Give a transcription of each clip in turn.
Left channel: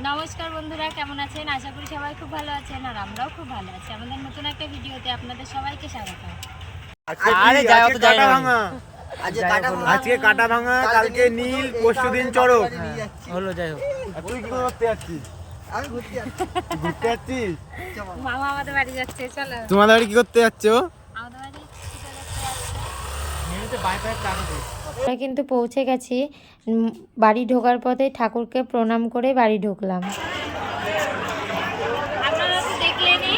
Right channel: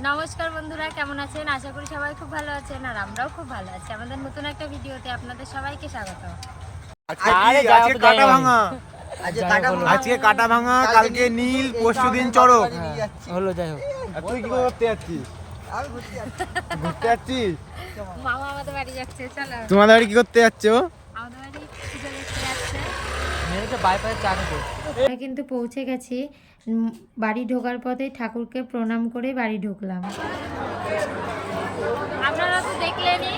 নমস্কার বন্ধুরা কেমন আছেন? আশা করি সবাই খুব ভালো আছেন আর আমরাও খুব ভালো আছি। আমাদের নতুন একটা ভিডিওতে আপনাদের সবাইকে স্বাগত। আজকে কাটা ভাঙা। কাটা ভাঙা। কালকে নীল পরশু দিন চড়ক। হলো যাই হোক। আর তুই কি করতে যাচ্ছিস? ঘুরতে যাচ্ছিস? মামা আমাদের বাড়ি যাচ্ছে চলো। তোমাদের বাড়ি কি করতে যাচ্ছে আমাদের বাড়ি পুজো দেখতে যাচ্ছে। কিন্তু পৌঁছে গেছি। বাড়ি ঢোকার পথে ঠাকুরকে প্রণাম করে বাড়ি ঢুকলাম। আপনারা তো দেখলেনই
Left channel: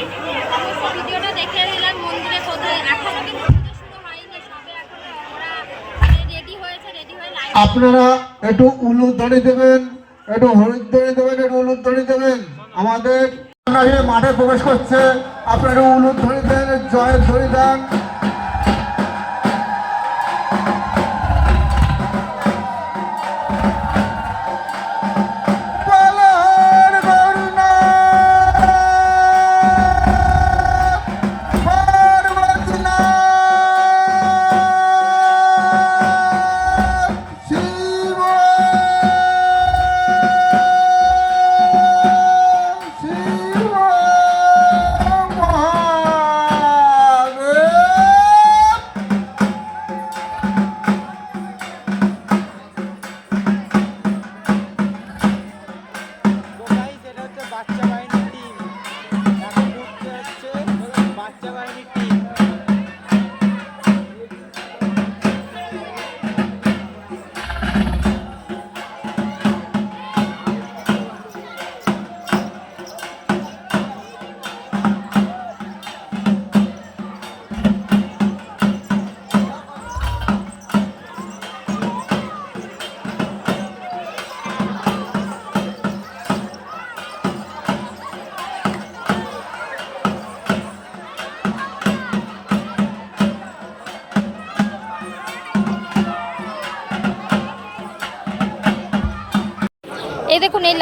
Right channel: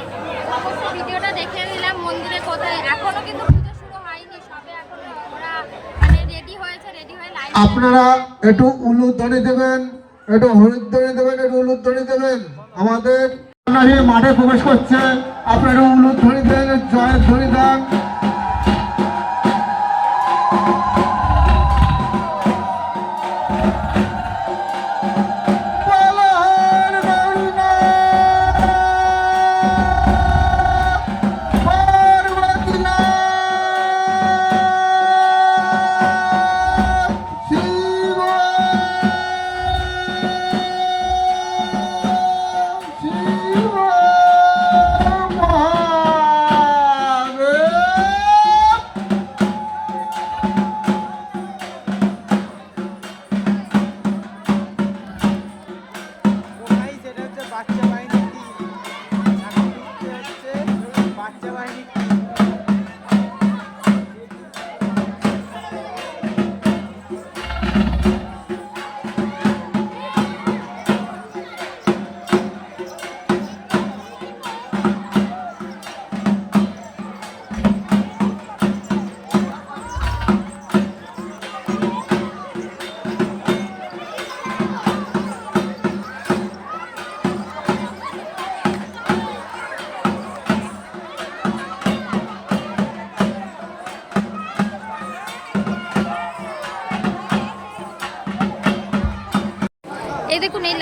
সমস্ত ভিডিওটা দেখিয়ে দিলাম মন্দিরে কোথায়। এখনও কিন্তু পুজো শুরু হয়নি সবে এখনও ওরা মানে রেডি হয়েছে রেডি হয়ে লাইন আপনারা একটু উলুধ্বনি দেবেন একটু হলুধ্বনি দেবেন একটু উলুধ্বনি দেবেন। আমাদের মাঠে প্রবেশ করছে। আপনারা উলুধ্বনি দেন জয় ধ্বনি দেন।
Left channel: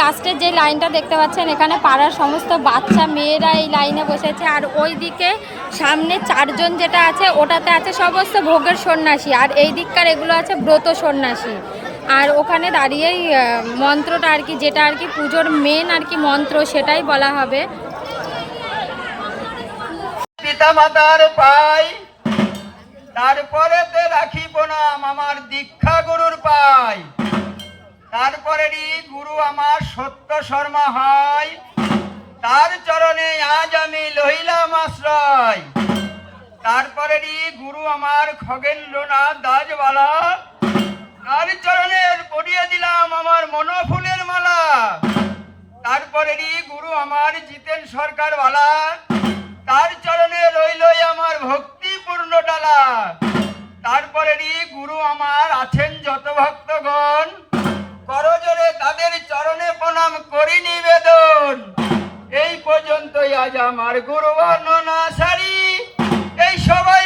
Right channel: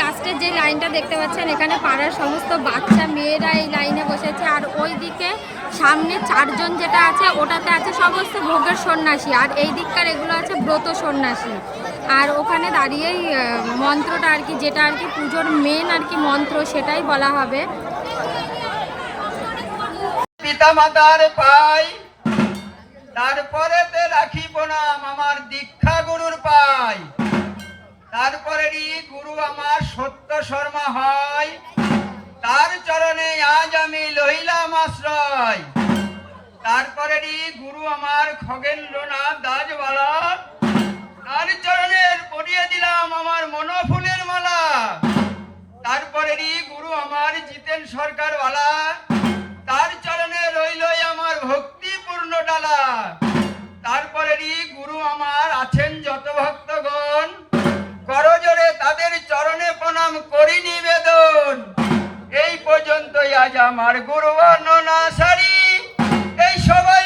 লাস্টের যে লাইনটা দেখতে পাচ্ছেন, এখানে পাড়ার সমস্ত বাচ্চা মেয়েরা এই লাইনে বসেছে। আর ওই দিকে সামনে চারজন যেটা আছে, ওটাতে আছে সমস্ত ভোগের সন্ন্যাসী। আর এই দিককার এগুলো আছে ব্রত সন্ন্যাসী। আর ওখানে দাঁড়িয়েই মন্ত্রটা আর কি, যেটা আর কি পুজোর মেন আর কি মন্ত্র, সেটাই বলা হবে। পিতা মাতার পাই, তারপরে রাখি সরকার বালা তার চরণে রইলই আমার ভক্তিপূর্ণ ডালা। তারপরেরই গুরু আমার আছেন যত ভক্তগণ করজোরে তাদের চরণে প্রণাম করি নিবেদন। এই পর্যন্তই আজ আমার গুরু বর্ণনা সারি। এই সবাই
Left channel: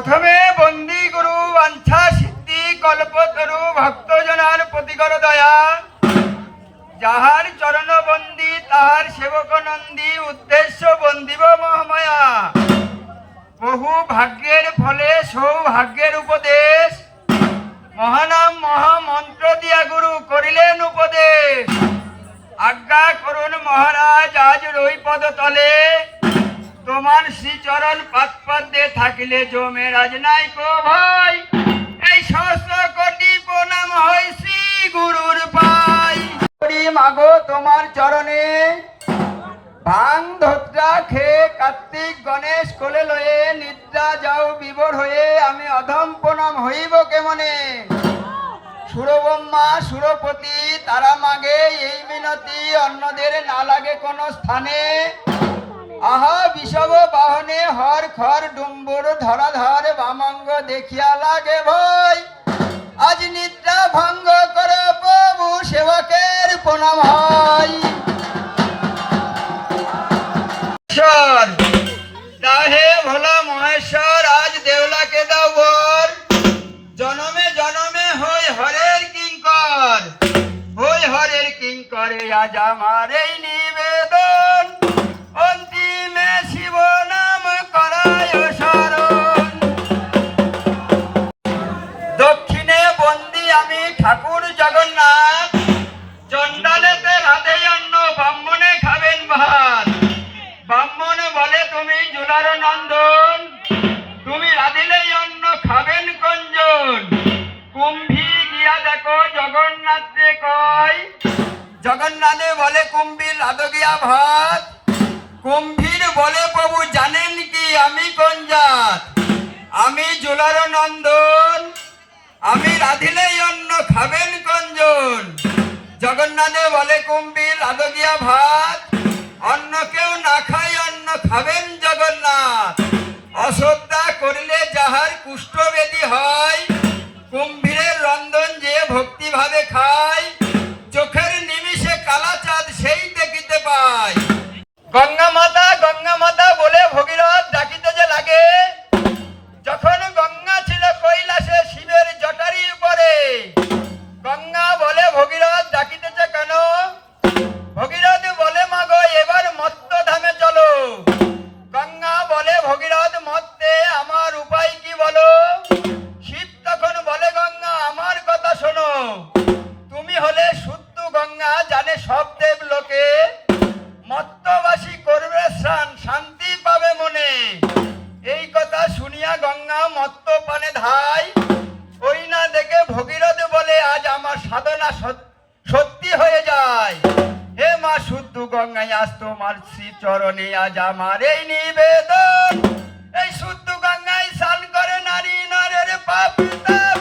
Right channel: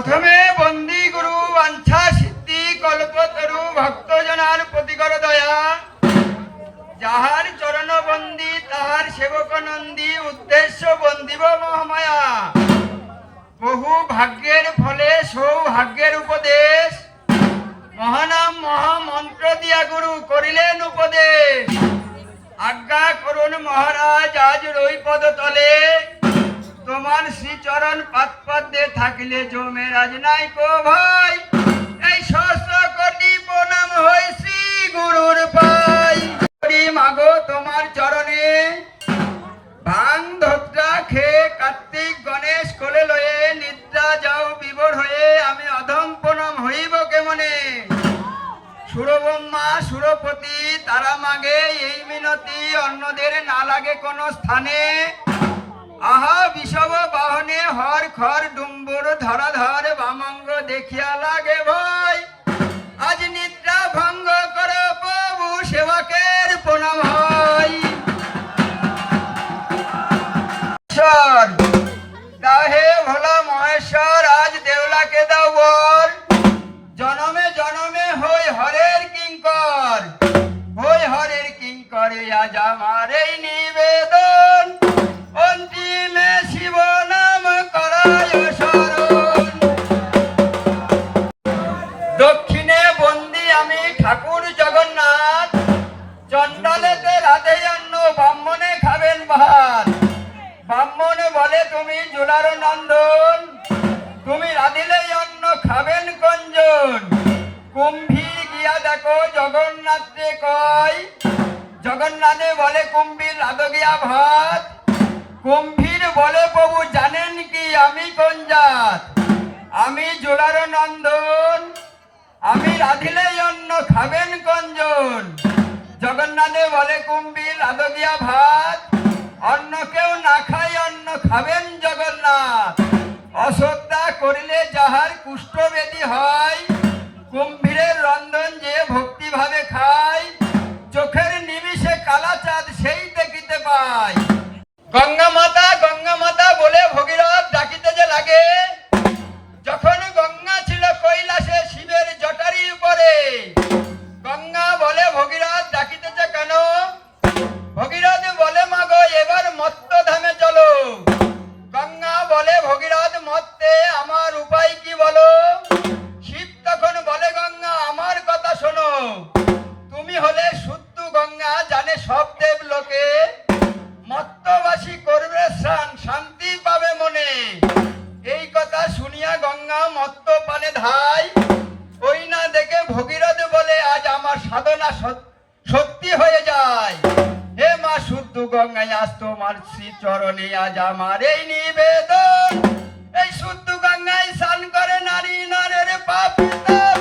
প্রথমে বন্দি গুরু বাঞ্ছা সিদ্ধি কল্পতরু ভক্তজনার প্রতিকর দয়া। যাহার চরণ বন্দি, তাহার সেবক নন্দী, উদ্দেশ্য বন্দিব মহামায়া। বহু ভাগ্যের ফলে সৌভাগ্যের উপদেশ। মহানাম মহামন্ত্র দিয়া গুরু করিলেন উপদেশ। আজ্ঞা করুন মহারাজ, আজ রইপদ তলে। তোমার শ্রীচরণ পাত পদ্মে থাকিলে জমে রাজ নাই কো ভাই এই সহস্র কোটি প্রণাম হই গুরুর পাই। করি মাগো তোমার চরণে। ভাং ধত্রা খেয়ে কার্তিক গণেশ কোলে লয়ে নিদ্রা যাও বিবর হয়ে, আমি অধম প্রণাম হইব কেমনে? সুরব্রহ্মা সুরপতি, তারা মাগে এই মিনতি, অন্যদের না লাগে কোনো স্থানে। আহা বিষব বাহনে হর খর ডুম্বুর ধরাধর বামঙ্গ দেখিয়া লাগে ভয়। আজ নিদ্রা ভঙ্গ করে প্রভু সেবকের প্রণাম হয়। দাহে ভোলা মহেশ্বর, আজ দেউলাকে দাও বর। জনমে জনমে হই হরের কিঙ্কর। হই হরের কিঙ্করে আজ আমার এই নিবেদন। অন্তি দক্ষিণে বন্দি আমি ঠাকুর জগন্নাথ। চণ্ডালেতে রাধে অন্ন, ব্রাহ্মণে খাবেন ভাত ব্রাহ্মণ বলে, তুমি জুলার নন্দন। তুমি রাধিলেই অন্ন, খাবেন কঞ্জন। কুম্ভীর গিয়া দেখো, জগন্নাথে কয়। জগন্নাথে বলে, কুম্ভীর রাধ গিয়া ভাত। কুম্ভীর বলে প্রভু জানেন কি আমি কঞ্জাত আমি জোলার নন্দন, আমি রাধিলেই অন্ন খাবেন কঞ্জন। জগন্নাথে বলে কুম্ভীর রাধ গিয়া ভাত, অন্ন কেউ না খাই অন্ন খাবেন জগন্নাথ। অশ্রদ্ধা করিলে যাহার কুষ্ঠবেদী হয়, কুম্ভীরের রন্ধন যে ভক্তিভাবে খায় জানে সব দেব লোকে। মত্তবাসী করবে স্নান, শান্তি পাবে মনে। এই কথা শুনিয়া গঙ্গা মত্ত পানে ধাই ওই না দেখে ভগীরথ বলে, আজ আমার সাধনা সত্যি হয়ে যায়। হে মা শুদ্ধ গঙ্গায় আজ তোমার শ্রী চরণে আজ আমার এই নিবেদন। এই শুদ্ধ গঙ্গায় স্নান করে নারী নরের পাপ তাপ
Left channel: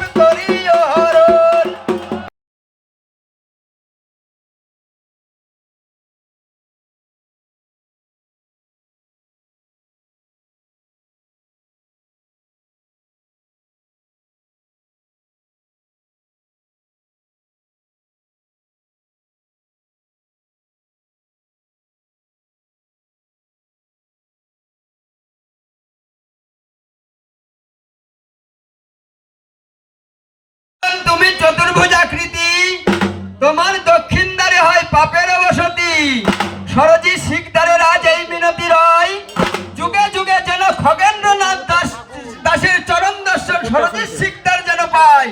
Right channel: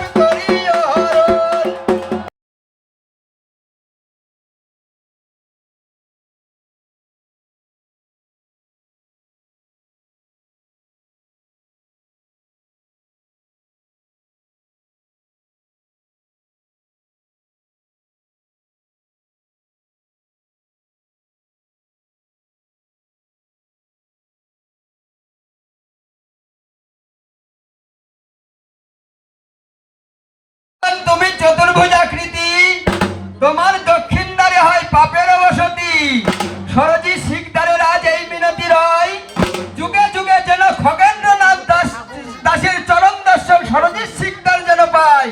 তুমি চতুর্ভুজ আকৃতি তোমার দক্ষিণ দ্বারে হয় পাপের বসতি। সরজি শিকদারে রাজ এই মিনতি রয়। যুগে যুগে যেন খগেন্দ্রনাথ দাস, দাসের চরণ দর্শন সরজি শিকদার যেন পায়।